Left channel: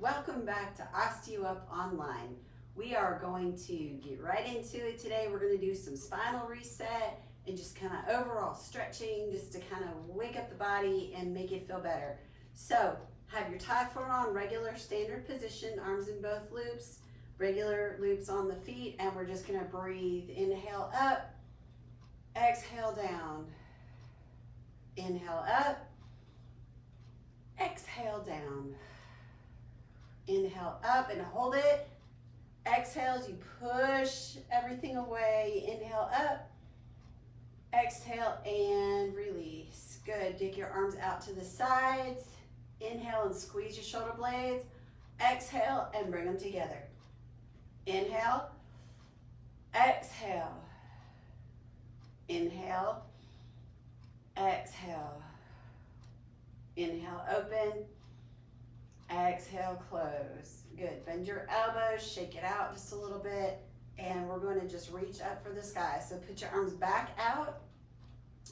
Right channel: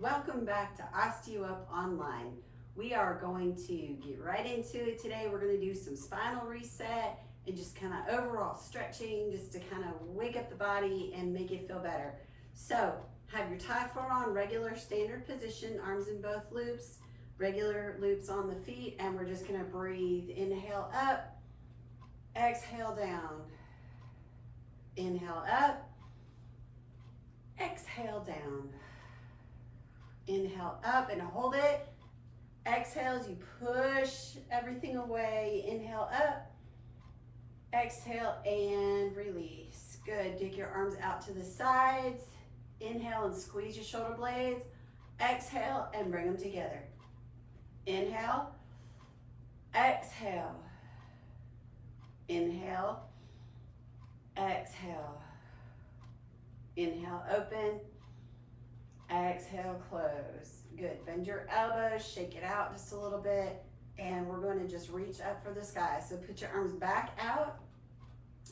welcome back to OsteoUp Online. We are going to get right into it today. We're going to do some spinal reset and just kind of overall stretching just to kind of wake up the body and make it feel better. So have your tie floor on, regular standard position, arms in both loops, regular loops on the feet, and we're just going to breathe. Inhale up, exhale down, inhale up, exhale down. Inhale up and hold it. Exhale as you push everything away. Inhale up. Exhale and release. Good. Take your arms out to the sides. Inhale and squeeze your shoulder blades. Exhale and bring them together. Inhale. Exhale. Inhale. Exhale. Inhale, open. Exhale, close. Good. Bend your elbows, shake it out just a little bit, and we're going to just reach up for the sky. So put your arms back out.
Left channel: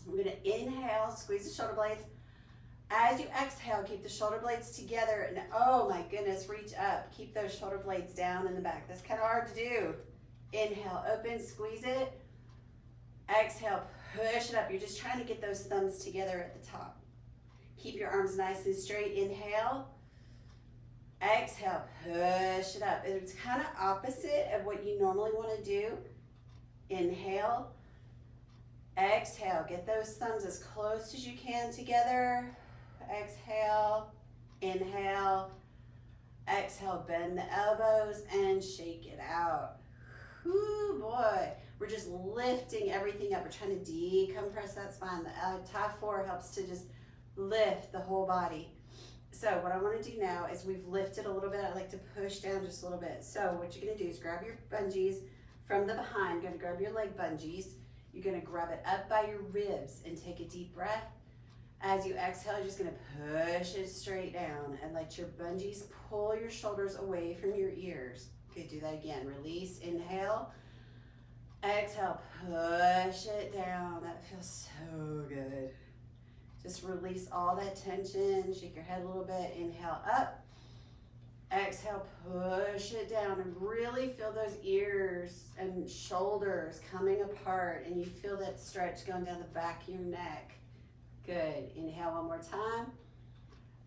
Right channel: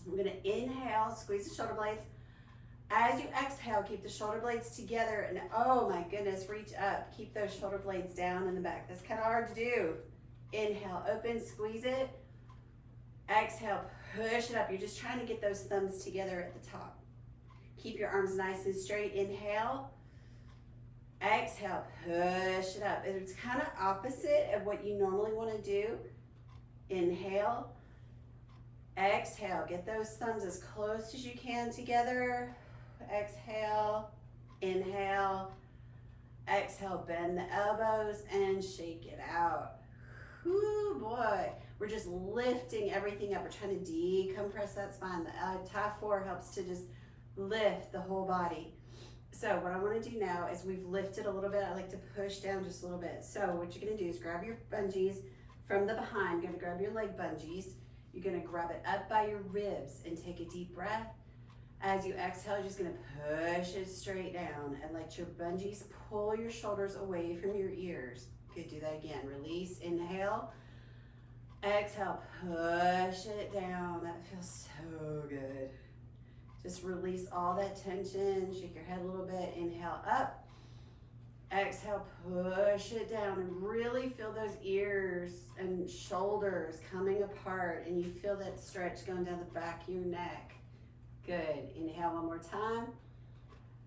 We're going to inhale, squeeze the shoulder blades. As you exhale, keep the shoulder blades together, and oh my goodness, reach up. Keep those shoulder blades down in the back. That's kind of hard to do. Inhale, open, squeeze it. Exhale, push it up. You're just trying to get those thumbs together at the top. Keep your arms nice and straight. Inhale. Exhale, push it up. It's kind of opposite of what you normally want to do. Inhale. Exhale. Get those thumbs as close as you can together. Exhale. Inhale. Exhale. Bend the elbows and shake it out. Whoo, boy. We're just lifting everything up. We're trying to decompress that spine. The tie floor helps to just lift the whole body. So what I want to do now is we've lifted a little bit. I like to push down just a little bit. So what you're going to do is grab your bungees from the behind. You're going to grab your leg bungees. You're going to grab it up by your ribs and take a deep breath. As you exhale, you're just going to push it straight down and let your bungees pull your shoulders away from your ears. Good, do that again. Release, inhale. Exhale, push it down. That feels so good. Just release all that tension. Shake your head a little bit. Inhale up. Exhale, push it down and really feel those ears and shoulders coming apart, and you feel that stretch going down the back of your neck. Good. Inhale one more time.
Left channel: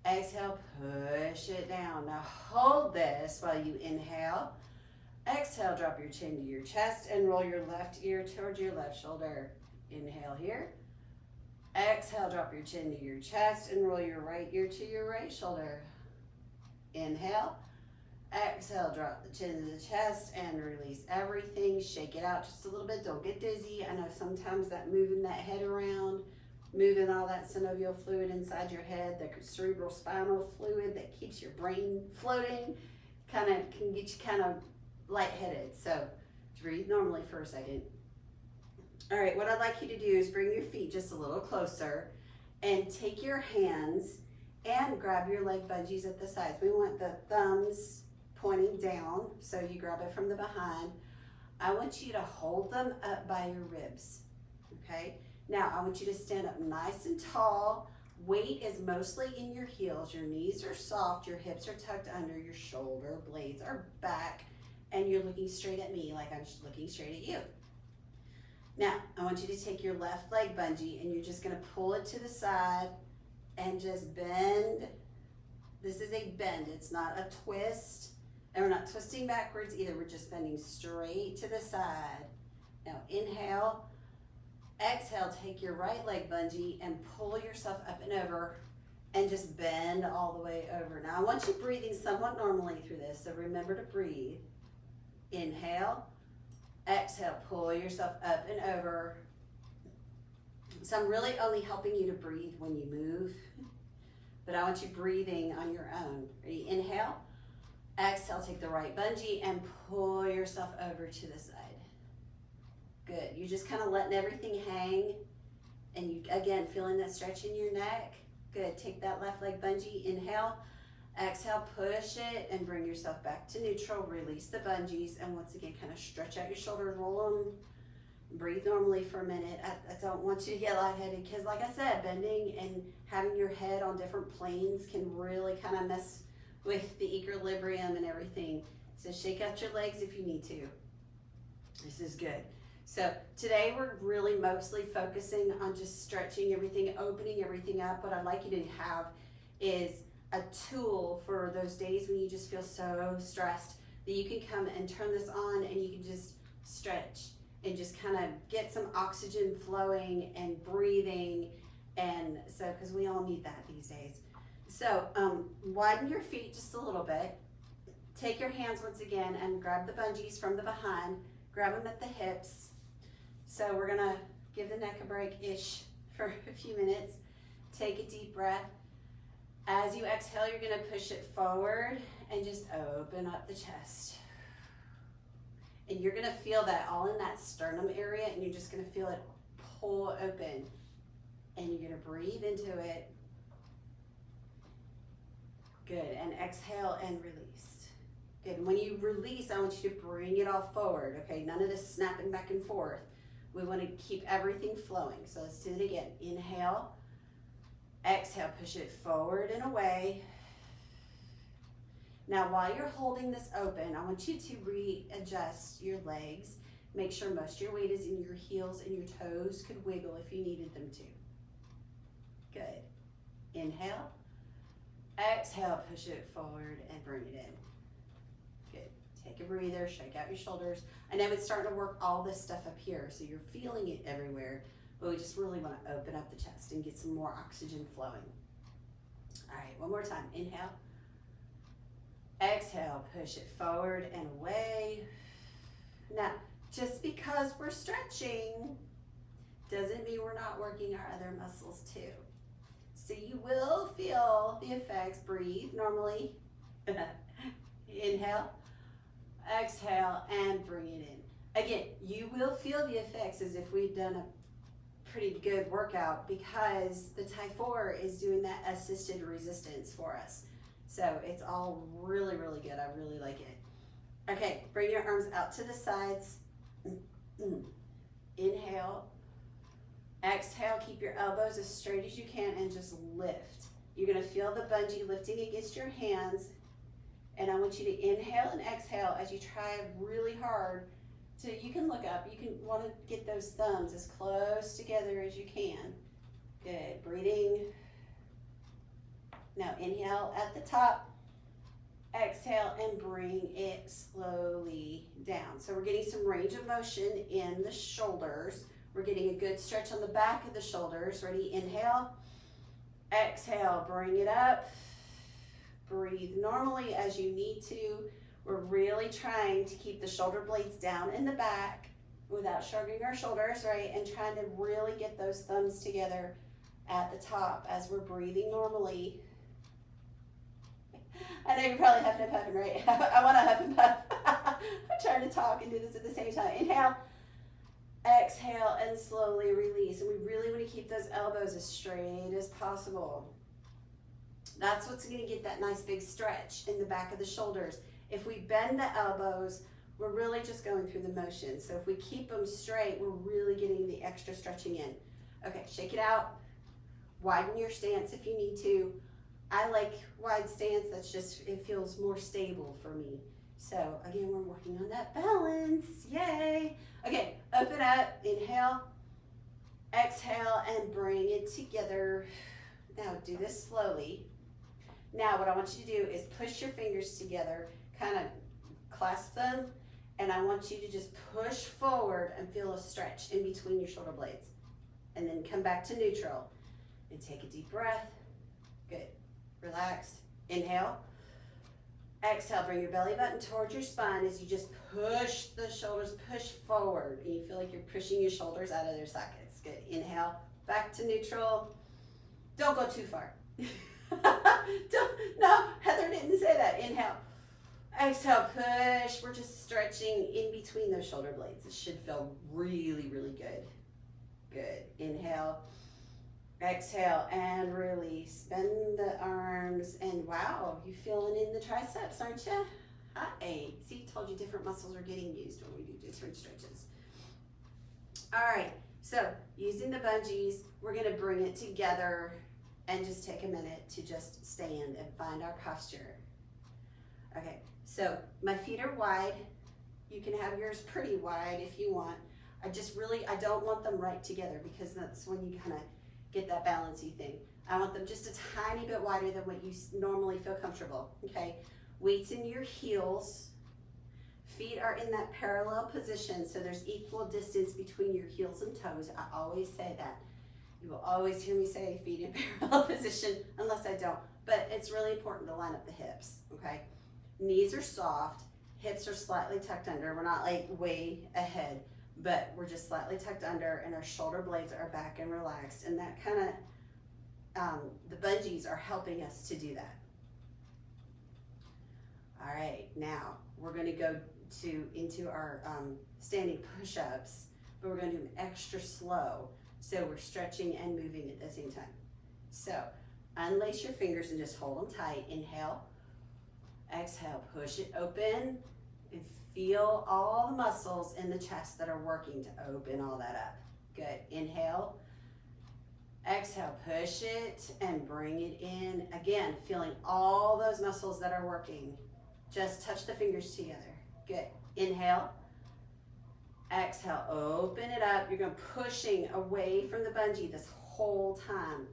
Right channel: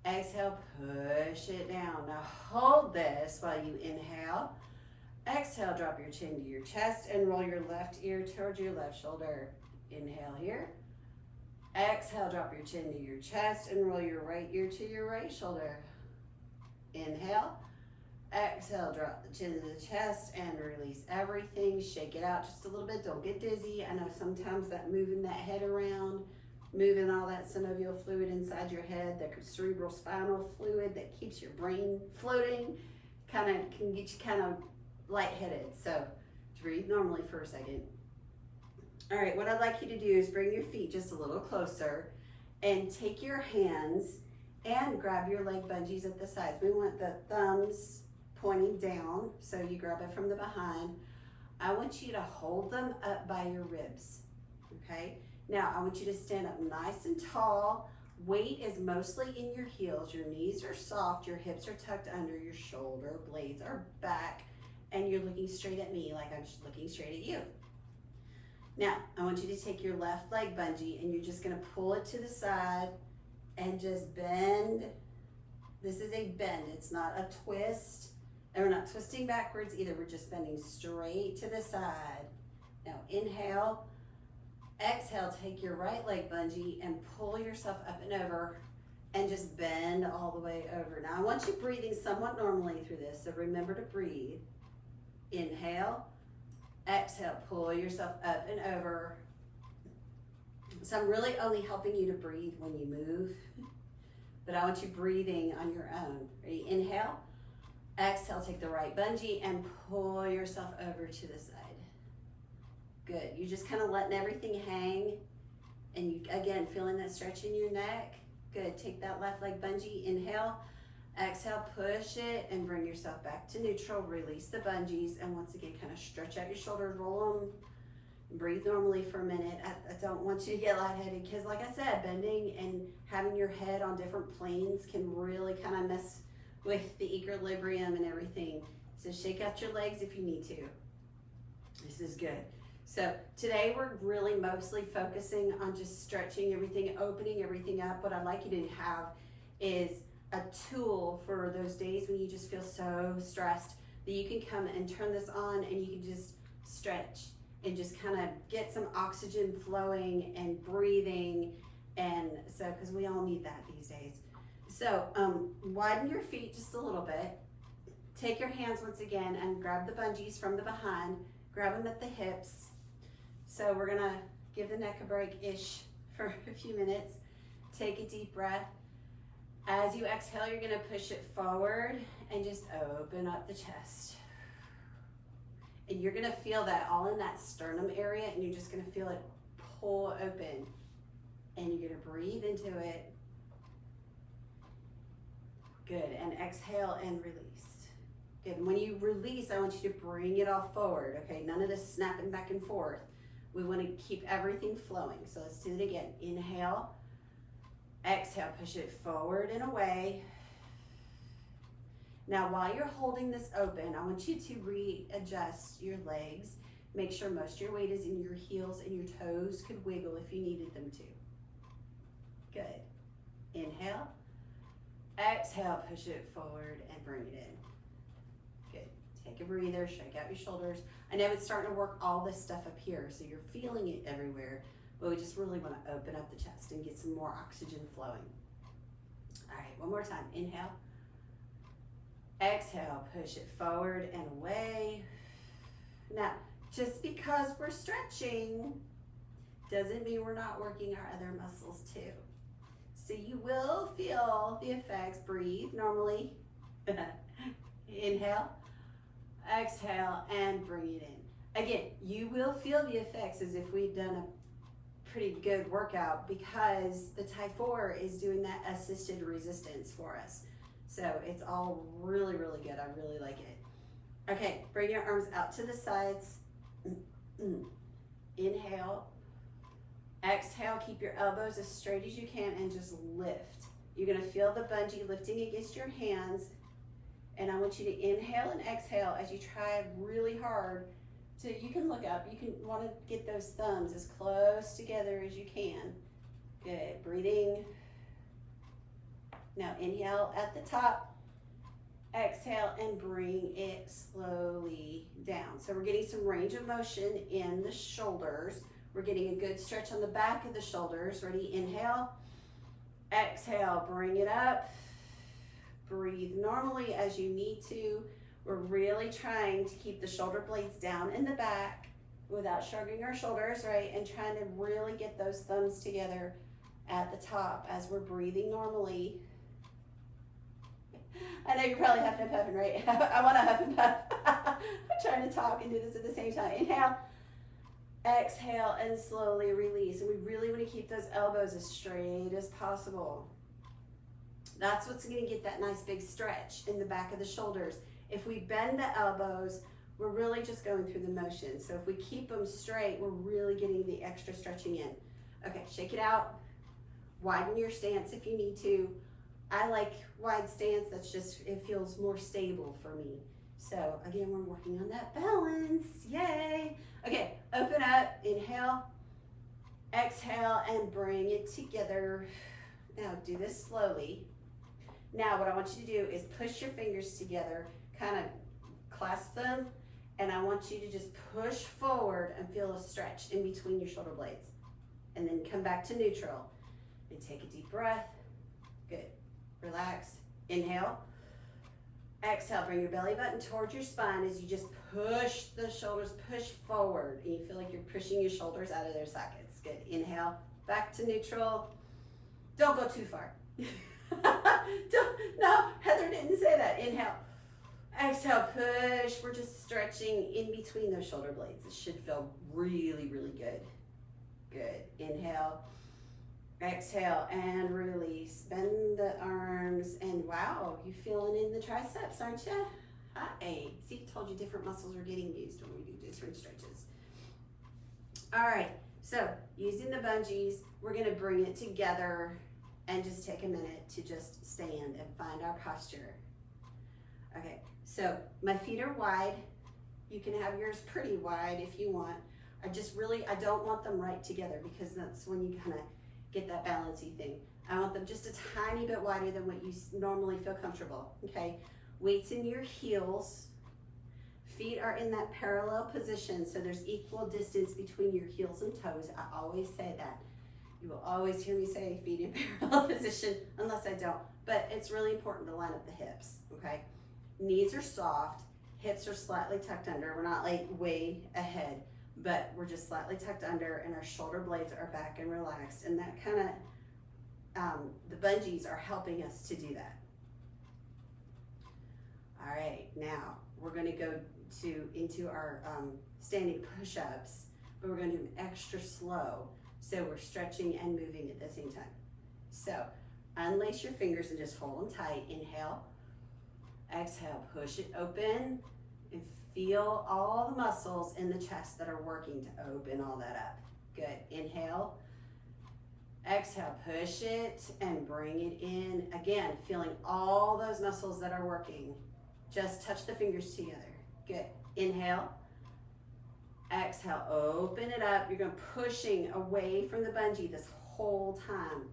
Exhale, push it down. Now hold this while you inhale. Exhale, drop your chin to your chest and roll your left ear towards your left shoulder. Inhale here. Exhale, drop your chin to your chest and roll your right ear to your right shoulder. Inhale. Exhale, drop the chin to the chest and release everything. Shake it out just a little bit. Don't get dizzy. I know sometimes that moving that head around, moving all that synovial fluid inside your head, the cerebral spinal fluid that keeps your brain floating, kind of can get you kind of lightheaded. So breathe normally for a second. All right, what I'd like you to do is bring your feet just a little closer and take your hands and grab your leg bungees at the sides. We want the thumbs pointing down, so you grab it from the behind. I want you to hold them up by your ribs, okay? Now, I want you to stand up nice and tall. Weight is mostly in your heels. Your knees are soft, your hips are tucked under, your shoulder blades are back, and you're looking straight at me like I'm looking straight at you. Now, I want you to take your left leg bungee and you're just gonna pull it to the side and just bend. This is a bend, it's not a twist. And we're not twisting backwards either, we're just bending straight to the side. Now inhale, exhale, take your right leg bungee and pull yourself up and over and just bend all the way over. Now I want you breathing somewhat normally through this, so remember to breathe. Inhale. Exhale, pull yourself up and over. So I'm really only helping you to breathe when you move, but I want you breathing on your own. Ready? Inhale. Exhale, take the right bungee and pull yourself over to the side. Good. You're just kind of letting everything hang, and you, again, feeling that stretch in your neck. Good. Take that left leg bungee. Inhale. Exhale, push it and bring yourself back to neutral. Release the bungees and once again, kind of stretch out your shoulders, roll them, breathe normally for a minute. I don't want you to get lightheaded because like I said, bending and having your head on different planes can really kind of mess with the equilibrium and everything. So shake out your legs if you need to. This is good. So today we're really mostly focusing on just stretching everything, opening everything up. What I'd like you to have is a tool for those days when you just feel so stressed that you can come and turn this on and you can just stretch and just kind of get some oxygen flowing and breathing. And so, because we all need that these days. So widen your feet just a little bit. Take your hands once again and grab the bungees from the behind. Grab them at the hips. So we're gonna give the neck a break-ish for a few minutes. Take a deep breath. As you exhale, you're gonna push it forward and just open up the chest. And you're gonna feel that all in that sternum area, and you're just gonna feel it pull open. And you're gonna breathe into it. Good, and exhale and release. Good, and when you release, I want you to bring it all forward, okay? None of this snapping back and forth. We wanna keep everything flowing. So let's do it again. Inhale, exhale, push it forward and away. Now, while you're holding this open, I want you to readjust your legs. Make sure most of your weight is in your heels and your toes could wiggle if you needed them to. Good. Inhale. Exhale, push it forward and bring it in. Good. Take a breather, shake out your shoulders. I know it's starting to work all this stuff up here, so you're feeling it everywhere, but we just really want to open up the chest and get some more oxygen flowing. All right, one more time. Inhale. Exhale, push it forward and away. Now, just because we're stretching doesn't mean we're not working our other muscles too. So you will feel the effects. Breathe normally. Inhale, exhale, and bring it in. Again, you will feel the effects as if we've done a pretty good workout because the Type 4 is doing that assisted resistance for us. So it's all really, really good. I really like it. Okay, bring your arms out to the sides. Inhale. Exhale, keep your elbows as straight as you can and just lift. You're gonna feel the bungee lifting against your hands. And I want you to inhale and exhale as you try really hard to, you can look up, you can want to get those thumbs as close together as you can. Good, breathing. Now inhale at the top, exhale and bring it slowly down. So we're getting some range of motion in the shoulders. We're getting a good stretch on the back of the shoulders. Ready? Inhale, exhale, bring it up. Breathe normally as you need to. We're really trying to keep the shoulder blades down in the back without shrugging our shoulders, right? And trying to really get those thumbs together at the top as we're breathing normally. I know you're probably huffing and puffing, right? I want to huff and puff. I'm trying to talk and do this at the same time. Inhale, exhale, and slowly release. And we really want to keep those elbows as straight as possible. That's what's going to get that nice big stretch in the back of the shoulders. If we bend the elbows, we're really just going through the motion. So if we keep them straight, we're really getting the extra stretching in. Okay, shake it out. Widen your stance if you need to. I like wide stance. That's just, it feels more stable for me. So again, we're working on that balance. Yay. Okay, open up, inhale, exhale, and bring it together. Now do this slowly. Now what I want you to do is push your fingers together, kind of clasp them, and I want you to just push forward and feel a stretch in between your shoulder blades. And then come back to neutral. And take a deep breath. Good. Relax. Inhale. Exhale, bring your belly button towards your spine as you just push the shoulders, push forward. And you feel like you're pushing your shoulders out of their sockets. Good. Inhale, back to neutral. Don't go too far. No, Heather didn't say that. Inhale. Exhale, push. We're just stretching in between those shoulder blades. It should feel really, really good. Good. Inhale. Exhale and release. Bend the arms and wow, you feeling in the triceps, aren't you? Hi. See, told you different muscles are getting used when we do different stretches. All right, so using the bungees, we're gonna bring it together and just take a minute to just stand and find our posture. Okay, so my feet are wide. You can have yours pretty wide if you want. I don't want them right together because that's when you kind of get that balancy thing. I want them just a tiny bit wider than what you normally feel comfortable, okay? Weights in your heels. Feet are in that parallel position, so there's equal distance between your heels and toes. I always say that. You will always hear me say feet in parallel position, unless I don't. But it's really important to line up the hips, okay? Knees are soft, hips are slightly tucked under. We're not like way ahead, but we're just slightly tucked under, and our shoulder blades are back and relaxed. And that kind of, the bungees are helping us to do that. All right, now we're gonna go into our standing push-ups, but we're gonna do them extra slow. So we're stretching and moving at the same time. So unlace your fingers and just hold them tight. Inhale, exhale, push it open, and feel all the muscles in the chest that are working to open all that up. Good, inhale, exhale, push it and bring it in. Again, feeling all those muscles that are working. Just touch the fingers together. Good, inhale, exhale, open it up. You're going pushing away from the bungee this whole time.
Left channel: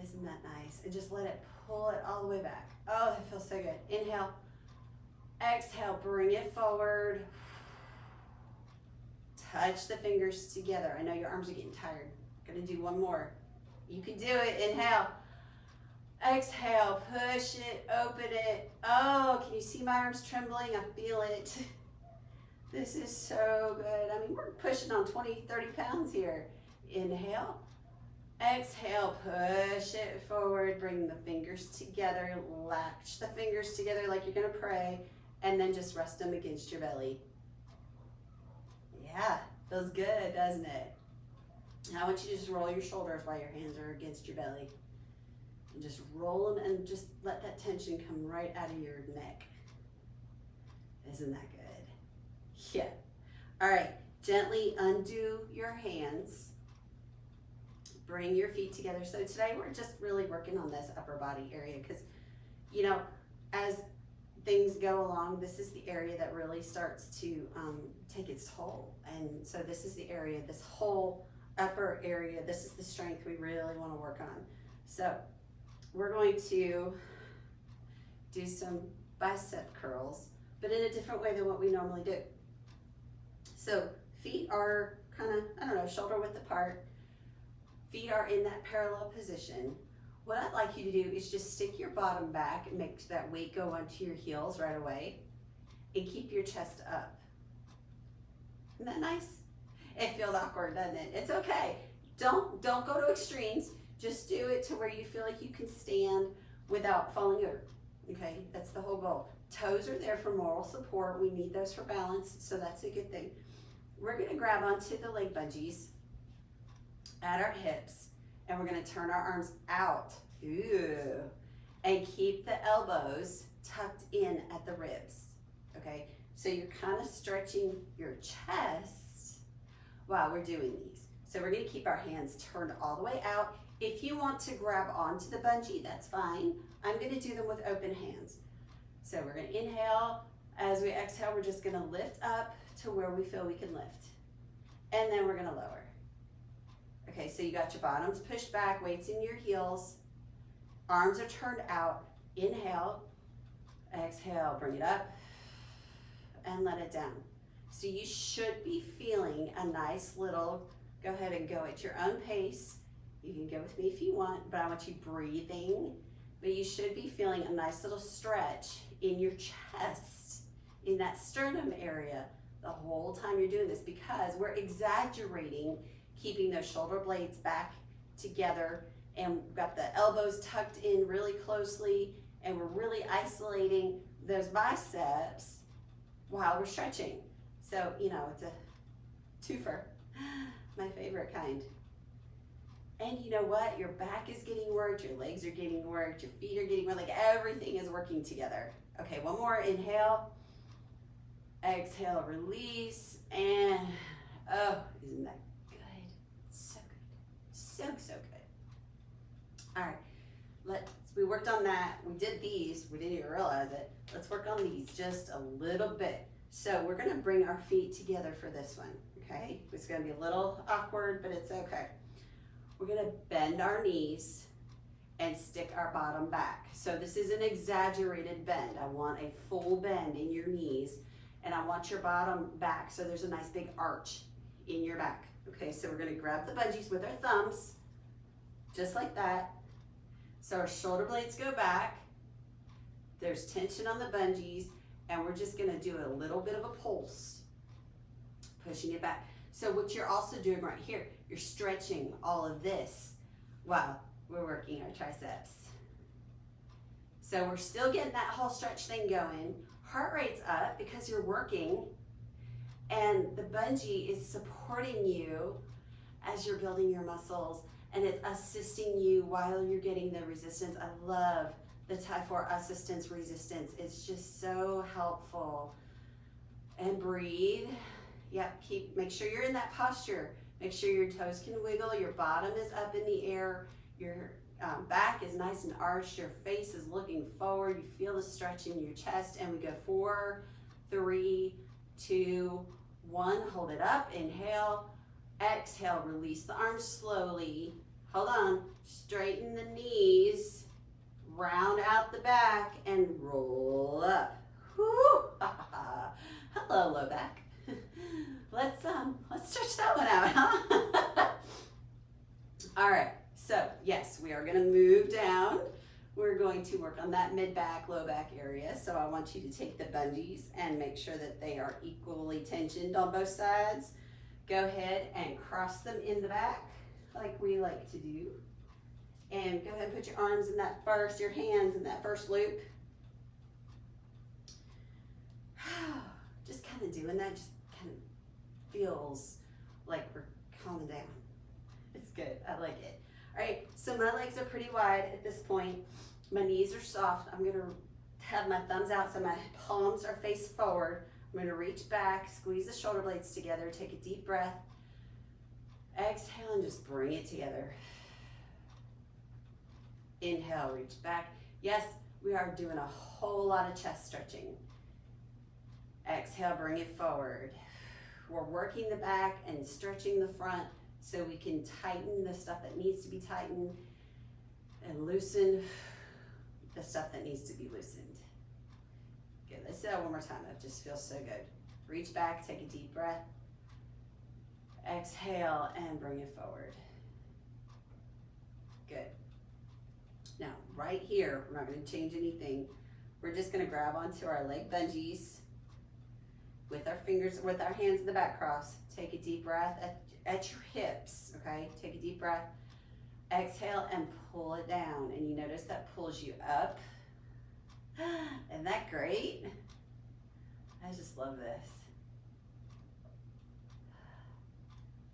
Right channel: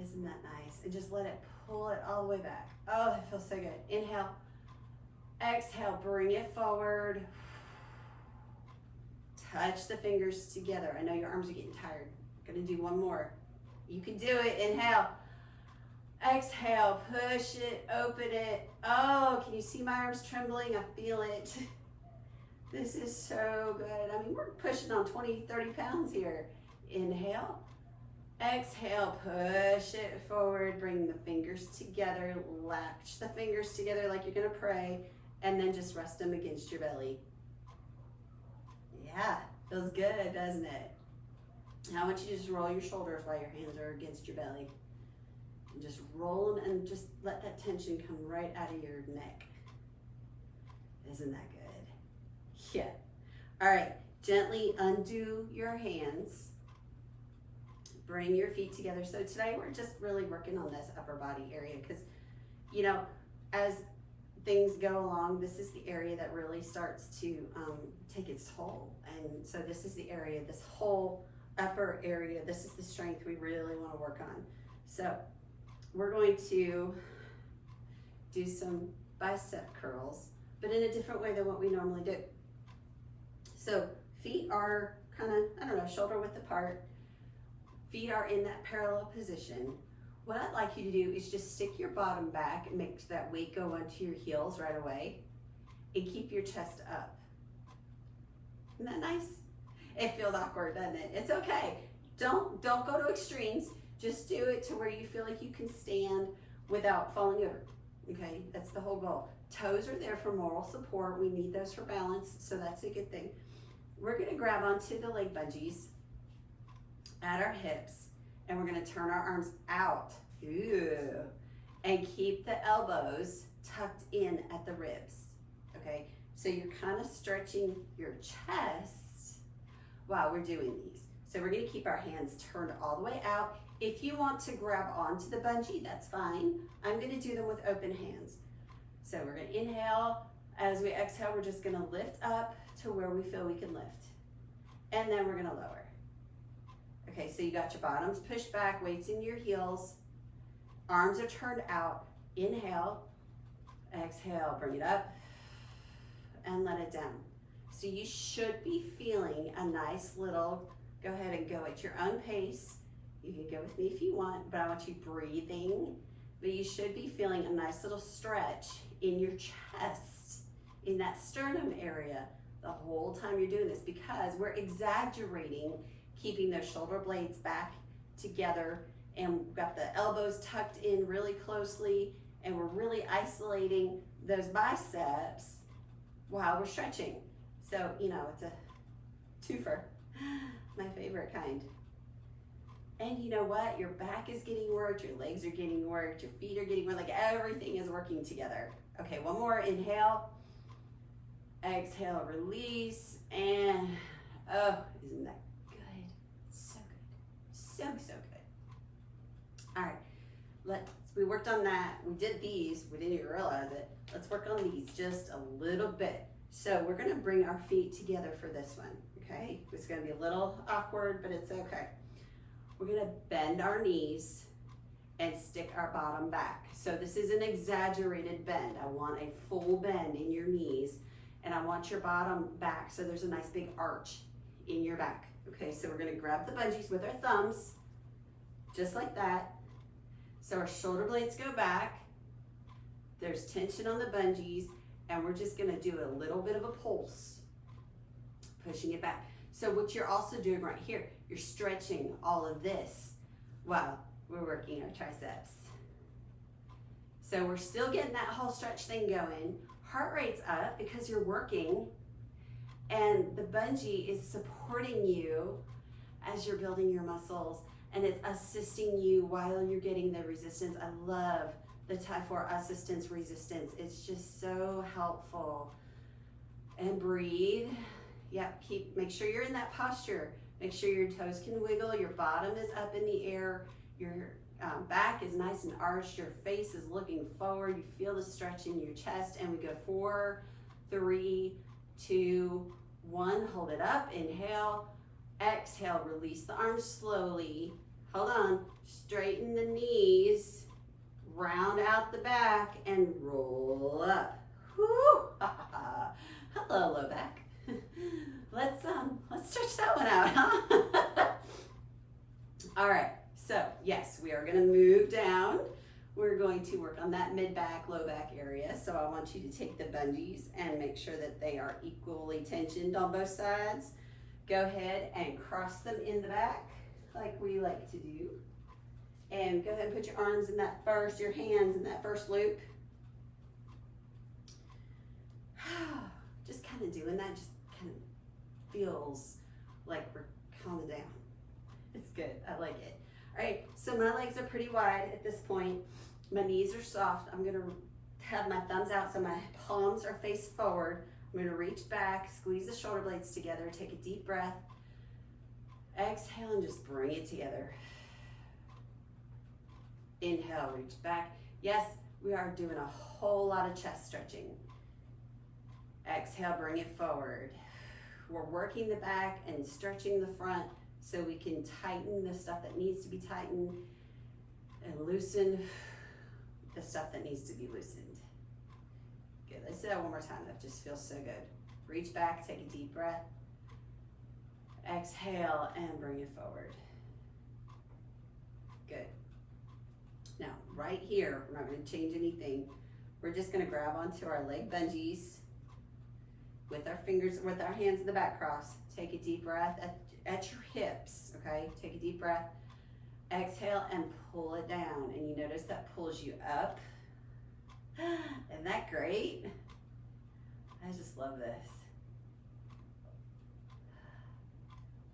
Isn't that nice? And just let it pull it all the way back. Oh, that feels so good. Inhale, exhale, bring it forward. Touch the fingers together. I know your arms are getting tired. Gonna do one more. You can do it. Inhale, exhale, push it, open it. Oh, can you see my arms trembling? I feel it. This is so good. I mean, we're pushing on 20, 30 pounds here. Inhale, exhale, push it forward, bring the fingers together, latch the fingers together like you're gonna pray, and then just rest them against your belly. Yeah, feels good, doesn't it? Now I want you to just roll your shoulders while your hands are against your belly. And just roll them and just let that tension come right out of your neck. Isn't that good? Yeah. All right, gently undo your hands. Bring your feet together. So today we're just really working on this upper body area because, you know, as things go along, this is the area that really starts to take its toll. And so this is the area, this whole upper area, this is the strength we really want to work on. So we're going to do some bicep curls, but in a different way than what we normally do. So feet are kind of, I don't know, shoulder width apart. Feet are in that parallel position. What I'd like you to do is just stick your bottom back and make that weight go onto your heels right away and keep your chest up. Isn't that nice? It feels awkward, doesn't it? It's okay. Don't go to extremes. Just do it to where you feel like you can stand without falling over. Okay, that's the whole goal. Toes are there for moral support. We need those for balance, so that's a good thing. We're gonna grab onto the leg bungees at our hips, and we're gonna turn our arms out. Ooh. And keep the elbows tucked in at the ribs. Okay, so you're kind of stretching your chest while we're doing these. So we're gonna keep our hands turned all the way out. If you want to grab onto the bungee, that's fine. I'm gonna do them with open hands. So we're gonna inhale. As we exhale, we're just gonna lift up to where we feel we can lift. And then we're gonna lower. Okay, so you got your bottoms pushed back, weights in your heels. Arms are turned out. Inhale, exhale, bring it up, and let it down. So you should be feeling a nice little, go ahead and go at your own pace. You can go with me if you want, but I want you breathing. But you should be feeling a nice little stretch in your chest, in that sternum area, the whole time you're doing this, because we're exaggerating keeping those shoulder blades back together, and we've got the elbows tucked in really closely, and we're really isolating those biceps while we're stretching. So, you know, it's a twofer, my favorite kind. And you know what? Your back is getting worked, your legs are getting worked, your feet are getting worked, like everything is working together. Okay, one more, inhale, exhale, release, and oh, isn't that good? So good, so good. All right, we worked on that, we did these, we didn't even realize it. Let's work on these just a little bit. So we're gonna bring our feet together for this one, okay? It's gonna be a little awkward, but it's okay. We're gonna bend our knees and stick our bottom back. So this is an exaggerated bend. I want a full bend in your knees, and I want your bottom back so there's a nice big arch in your back. Okay, so we're gonna grab the bungees with our thumbs, just like that. So our shoulder blades go back. There's tension on the bungees, and we're just gonna do a little bit of a pulse, pushing it back. So what you're also doing right here, you're stretching all of this while we're working our triceps. So we're still getting that whole stretch thing going. Heart rate's up because you're working, and the bungee is supporting you as you're building your muscles, and it's assisting you while you're getting the resistance. I love the Type 4 assistance resistance. It's just so helpful. And breathe. Yep, make sure you're in that posture. Make sure your toes can wiggle, your bottom is up in the air, your back is nice and arched, your face is looking forward, you feel the stretch in your chest, and we go 4, 3, 2, 1, hold it up, inhale, exhale, release the arms slowly, hold on, straighten the knees, round out the back, and roll up. Whoo! Hello, low back. Let's stretch that one out, huh? All right, so yes, we are gonna move down. We're going to work on that mid back, low back area. So I want you to take the bungees and make sure that they are equally tensioned on both sides. Go ahead and cross them in the back like we like to do. And go ahead and put your arms in that first, your hands in that first loop. Just kind of doing that, just kind of feels like we're calming down. It's good, I like it. All right, so my legs are pretty wide at this point. My knees are soft. I'm gonna have my thumbs out so my palms are face forward. I'm gonna reach back, squeeze the shoulder blades together, take a deep breath. Exhale and just bring it together. Inhale, reach back. Yes, we are doing a whole lot of chest stretching. Exhale, bring it forward. We're working the back and stretching the front so we can tighten the stuff that needs to be tightened and loosen the stuff that needs to be loosened. Good, let's do that one more time. That just feels so good. Reach back, take a deep breath. Exhale and bring it forward. Good. Now, right here, we're not going to change anything. We're just going to grab onto our leg bungees with our fingers, with our hands in the back cross. Take a deep breath at your hips, okay? Take a deep breath. Exhale and pull it down. And you notice that pulls you up. Isn't that great? I just love this.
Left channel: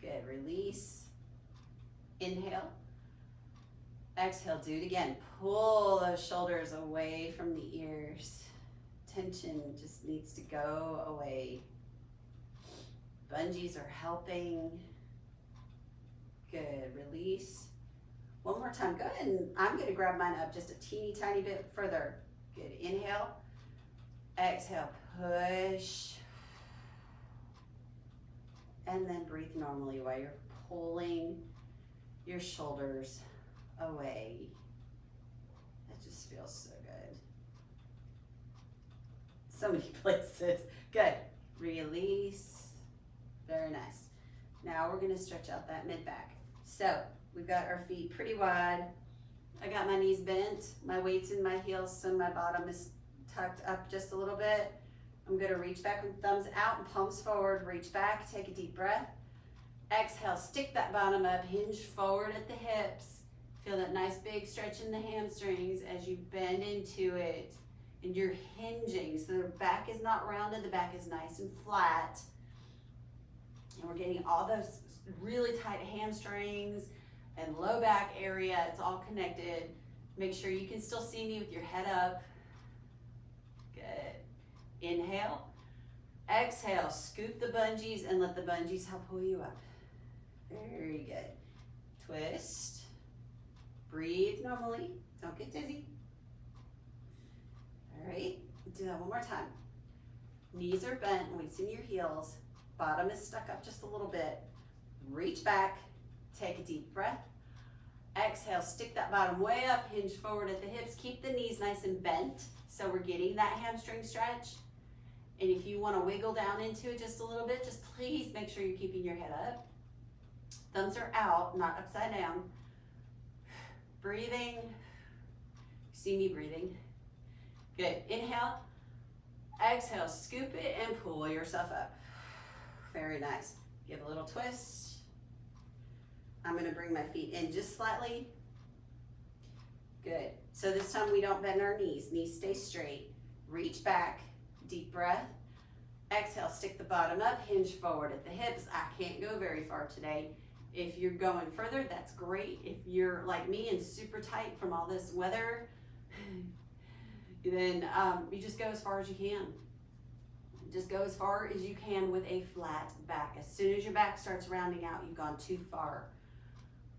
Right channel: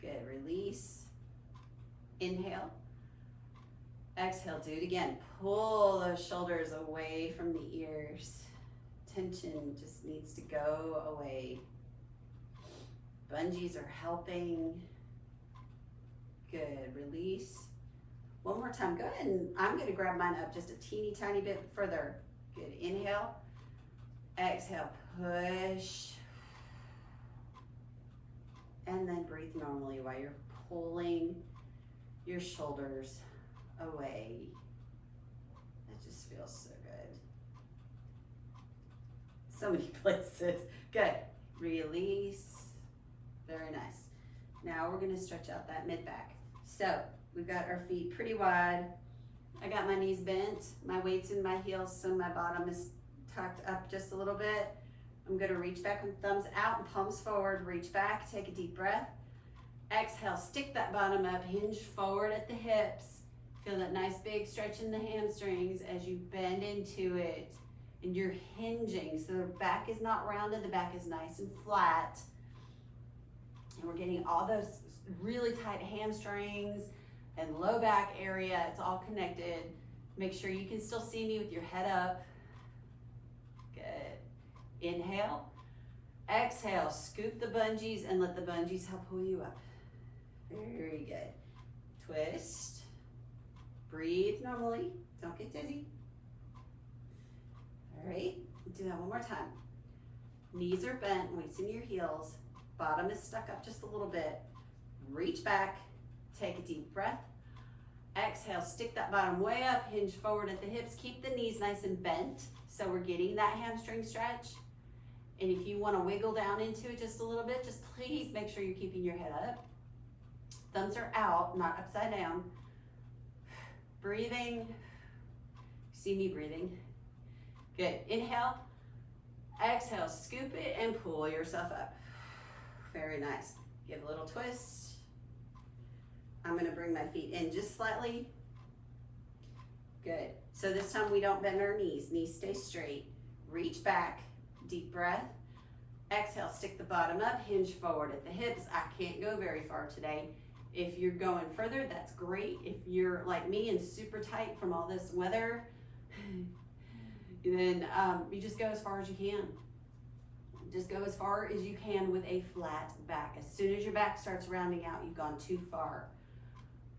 Good, release. Inhale. Exhale, do it again. Pull those shoulders away from the ears. Tension just needs to go away. Bungees are helping. Good, release. One more time, go ahead and I'm gonna grab mine up just a teeny tiny bit further. Good, inhale. Exhale, push. And then breathe normally while you're pulling your shoulders away. That just feels so good. So many places. Good. Release. Very nice. Now we're gonna stretch out that mid back. So we've got our feet pretty wide. I got my knees bent. My weight's in my heels, so my bottom is tucked up just a little bit. I'm gonna reach back with thumbs out and palms forward. Reach back, take a deep breath. Exhale, stick that bottom up, hinge forward at the hips. Feel that nice big stretch in the hamstrings as you bend into it. And you're hinging, so the back is not rounded, the back is nice and flat. And we're getting all those really tight hamstrings and low back area. It's all connected. Make sure you can still see me with your head up. Good. Inhale. Exhale, scoop the bungees and let the bungees help pull you up. Very good. Twist. Breathe normally. Don't get dizzy. All right. Do that one more time. Knees are bent, weights in your heels. Bottom is stuck up just a little bit. Reach back, take a deep breath. Exhale, stick that bottom way up, hinge forward at the hips. Keep the knees nice and bent so we're getting that hamstring stretch. And if you want to wiggle down into it just a little bit, just please make sure you're keeping your head up. Thumbs are out, not upside down. Breathing. See me breathing. Good. Inhale. Exhale, scoop it and pull yourself up. Very nice. Give a little twist. I'm going to bring my feet in just slightly. Good. So this time we don't bend our knees. Knees stay straight. Reach back. Deep breath. Exhale, stick the bottom up, hinge forward at the hips. I can't go very far today. If you're going further, that's great. If you're like me and super tight from all this weather, then you just go as far as you can. Just go as far as you can with a flat back. As soon as your back starts rounding out, you've gone too far.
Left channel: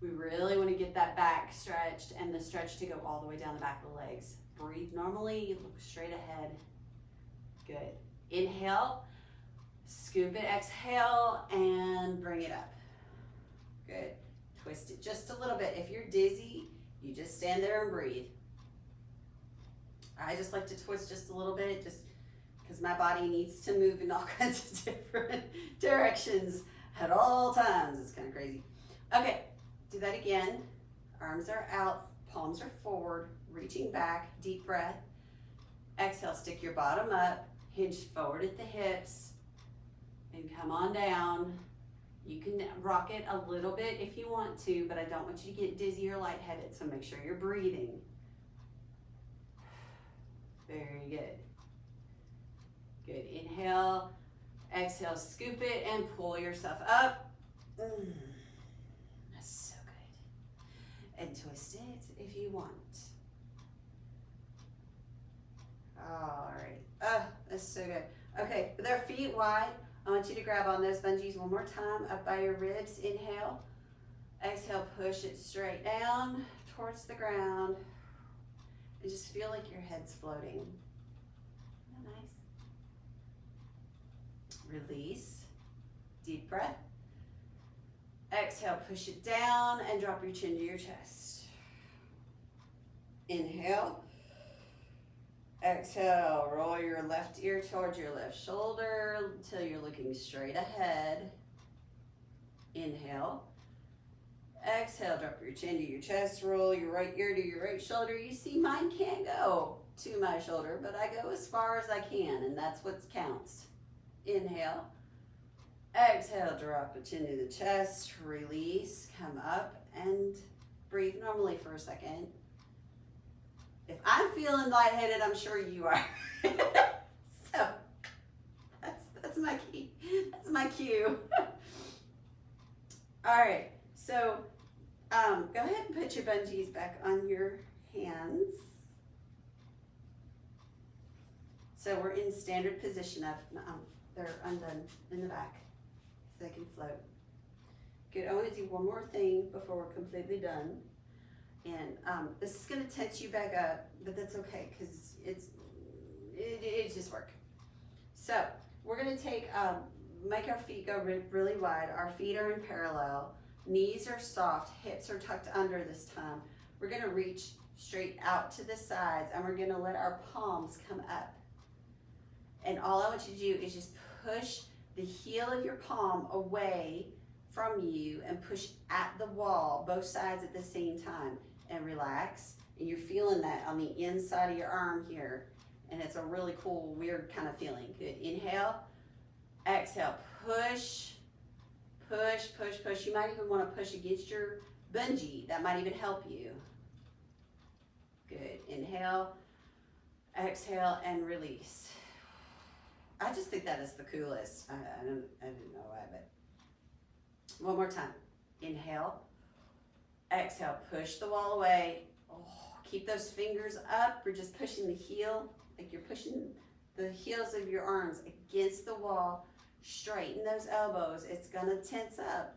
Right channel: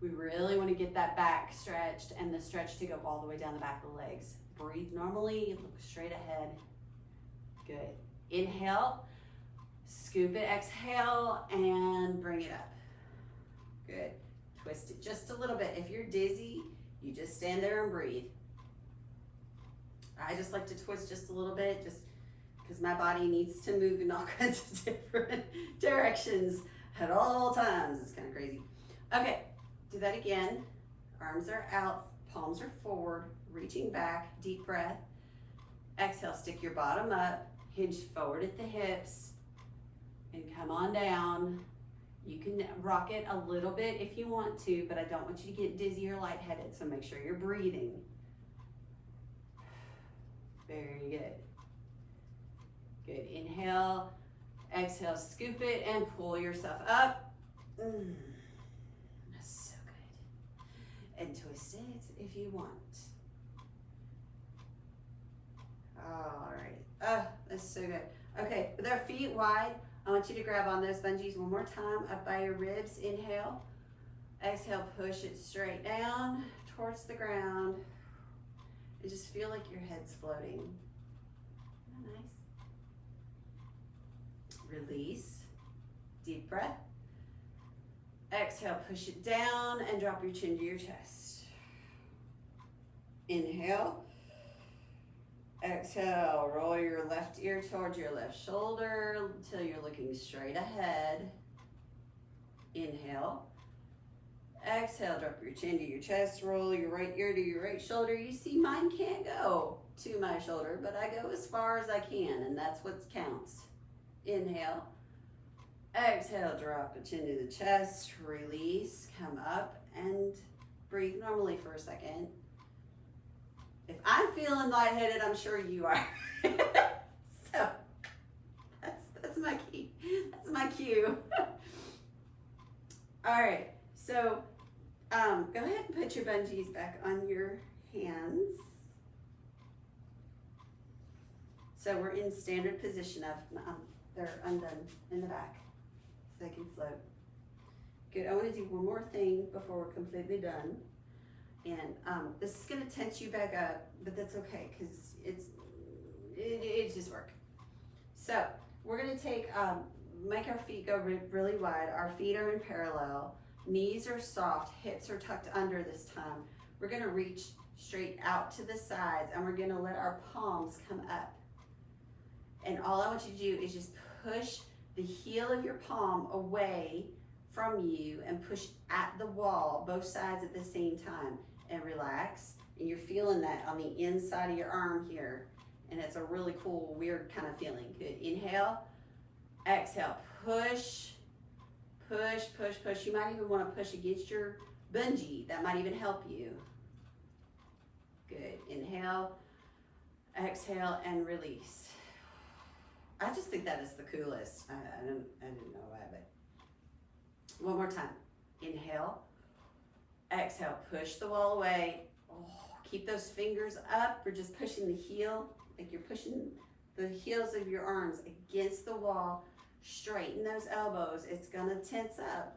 We really want to get that back stretched and the stretch to go all the way down the back of the legs. Breathe normally, look straight ahead. Good. Inhale, scoop it, exhale, and bring it up. Good. Twist it just a little bit. If you're dizzy, you just stand there and breathe. I just like to twist just a little bit, just because my body needs to move in all kinds of different directions at all times. It's kind of crazy. Okay, do that again. Arms are out, palms are forward, reaching back, deep breath. Exhale, stick your bottom up, hinge forward at the hips, and come on down. You can rock it a little bit if you want to, but I don't want you to get dizzy or lightheaded, so make sure you're breathing. Very good. Good. Inhale, exhale, scoop it, and pull yourself up. That's so good. And twist it if you want. All right. Oh, that's so good. Okay, with our feet wide, I want you to grab on those bungees one more time, up by your ribs. Inhale. Exhale, push it straight down towards the ground. And just feel like your head's floating. Isn't that nice? Release. Deep breath. Exhale, push it down and drop your chin to your chest. Inhale. Exhale, roll your left ear towards your left shoulder until you're looking straight ahead. Inhale. Exhale, drop your chin to your chest, roll your right ear to your right shoulder. You see, mine can't go to my shoulder, but I go as far as I can, and that's what counts. Inhale. Exhale, drop the chin to the chest, release, come up, and breathe normally for a second. If I'm feeling lightheaded, I'm sure you are. So, that's my key. That's my cue. All right. So go ahead and put your bungees back on your hands. So we're in standard position of, they're undone in the back so they can float. Good, I want to do one more thing before we're completely done. And this is going to tense you back up, but that's okay because it just work. So we're going to take, make our feet go really wide. Our feet are in parallel. Knees are soft, hips are tucked under this time. We're gonna reach straight out to the sides and we're gonna let our palms come up. And all I want you to do is just push the heel of your palm away from you and push at the wall, both sides at the same time, and relax. And you're feeling that on the inside of your arm here. And it's a really cool, weird kind of feeling. Good, inhale, exhale, push. Push, push, push. You might even want to push against your bungee. That might even help you. Good. Inhale, exhale, and release. I just think that is the coolest. I didn't know why, but one more time. Inhale, exhale, push the wall away. Oh, keep those fingers up. We're just pushing the heel, like you're pushing the heels of your arms against the wall. Straighten those elbows. It's gonna tense up.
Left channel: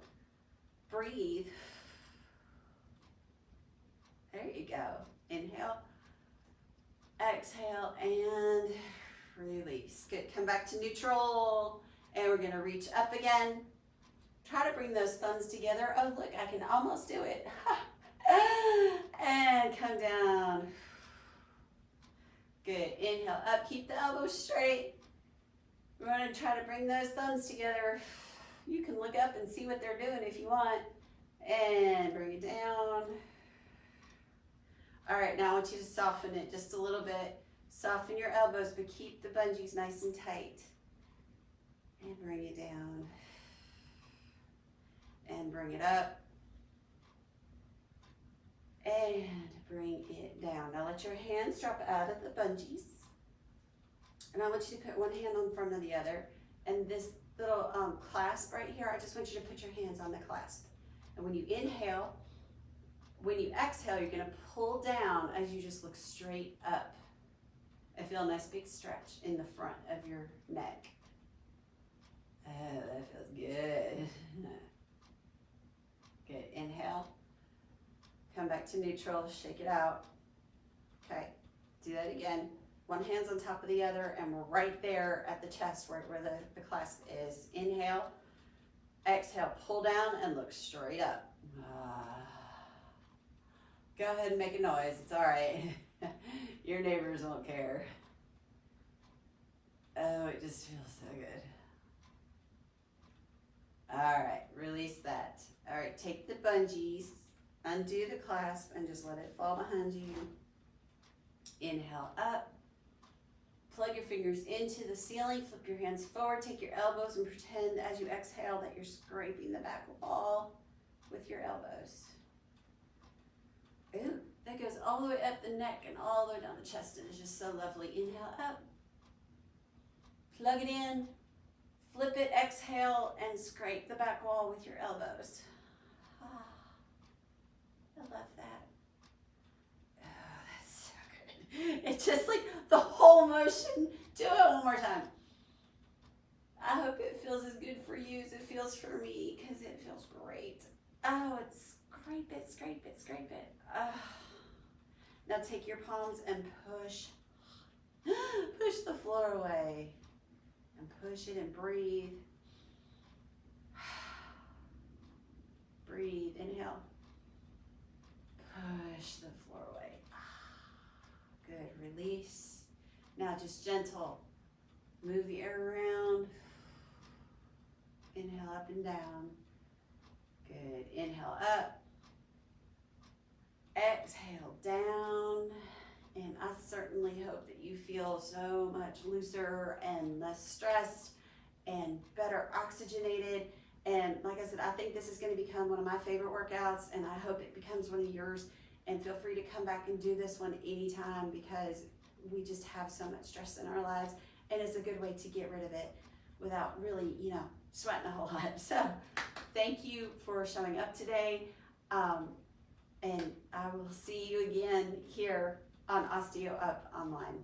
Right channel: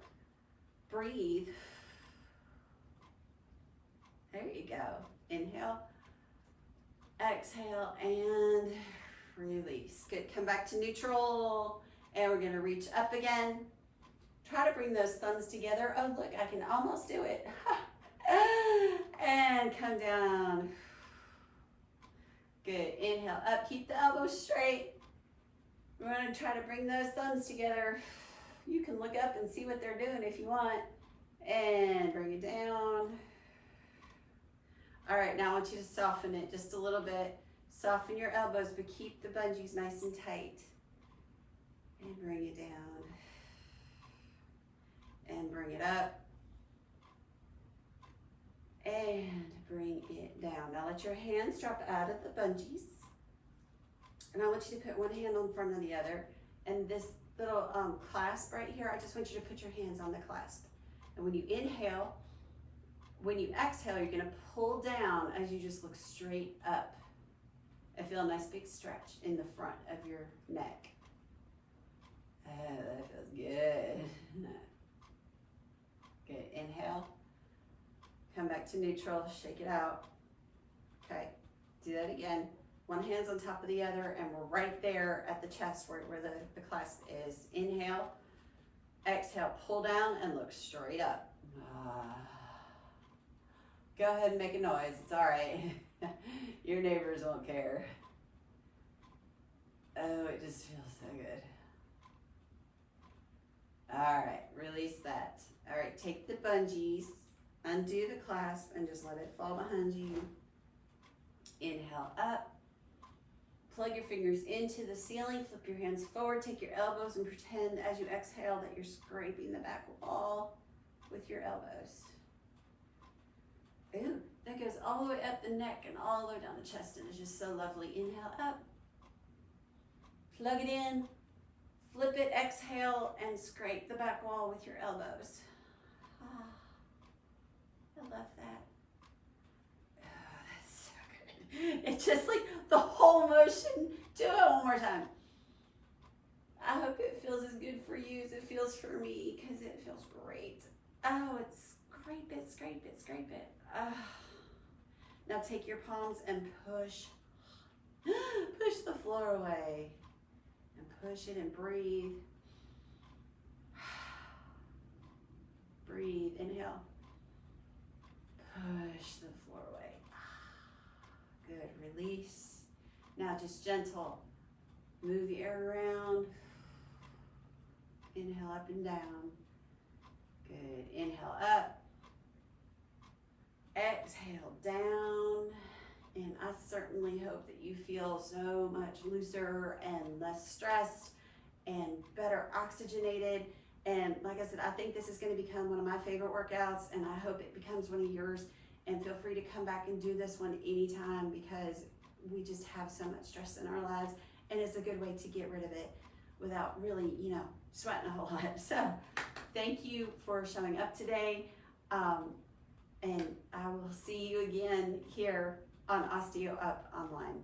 Breathe. There you go. Inhale, exhale, and Release. Good. Come back to neutral. And we're going to reach up again. Try to bring those thumbs together. Oh, look, I can almost do it. And come down. Good. Inhale up. Keep the elbows straight. We're going to try to bring those thumbs together. You can look up and see what they're doing if you want. And bring it down. All right, now I want you to soften it just a little bit. Soften your elbows, but keep the bungees nice and tight. And bring it down. And bring it up. And bring it down. Now let your hands drop out of the bungees. And I want you to put one hand on front of the other. And this little clasp right here, I just want you to put your hands on the clasp. And when you inhale, when you exhale, you're going to pull down as you just look straight up. I feel a nice big stretch in the front of your neck. Oh, that feels good. Good. Inhale. Come back to neutral. Shake it out. Okay. Do that again. One hand's on top of the other, and we're right there at the chest where the clasp is. Inhale. Exhale. Pull down and look straight up. Go ahead and make a noise. It's all right. Your neighbors won't care. Oh, it just feels so good. All right, release that. All right, take the bungees, undo the clasp, and just let it fall behind you. Inhale up. Plug your fingers into the ceiling. Flip your hands forward. Take your elbows and pretend as you exhale that you're scraping the back wall with your elbows. Ooh, that goes all the way up the neck and all the way down the chest. It is just so lovely. Inhale up. Plug it in. Flip it, exhale, and scrape the back wall with your elbows. Ah, I love that. Oh, that's so good. It's just like the whole motion. Do it one more time. I hope it feels as good for you as it feels for me, because it feels great. Oh, it's scrape it, scrape it, scrape it. Now take your palms and push the floor away, and push it and breathe. Breathe, inhale. Push the floor away. Good, release. Now just gentle. Move the air around. Inhale up and down. Good, inhale up. Exhale down, and I certainly hope that you feel so much looser and less stressed and better oxygenated. And like I said, I think this is going to become one of my favorite workouts, and I hope it becomes one of yours. And feel free to come back and do this one anytime, because we just have so much stress in our lives, and it's a good way to get rid of it without really, sweating a whole lot. So thank you for showing up today. And I will see you again here on OsteoUp Online.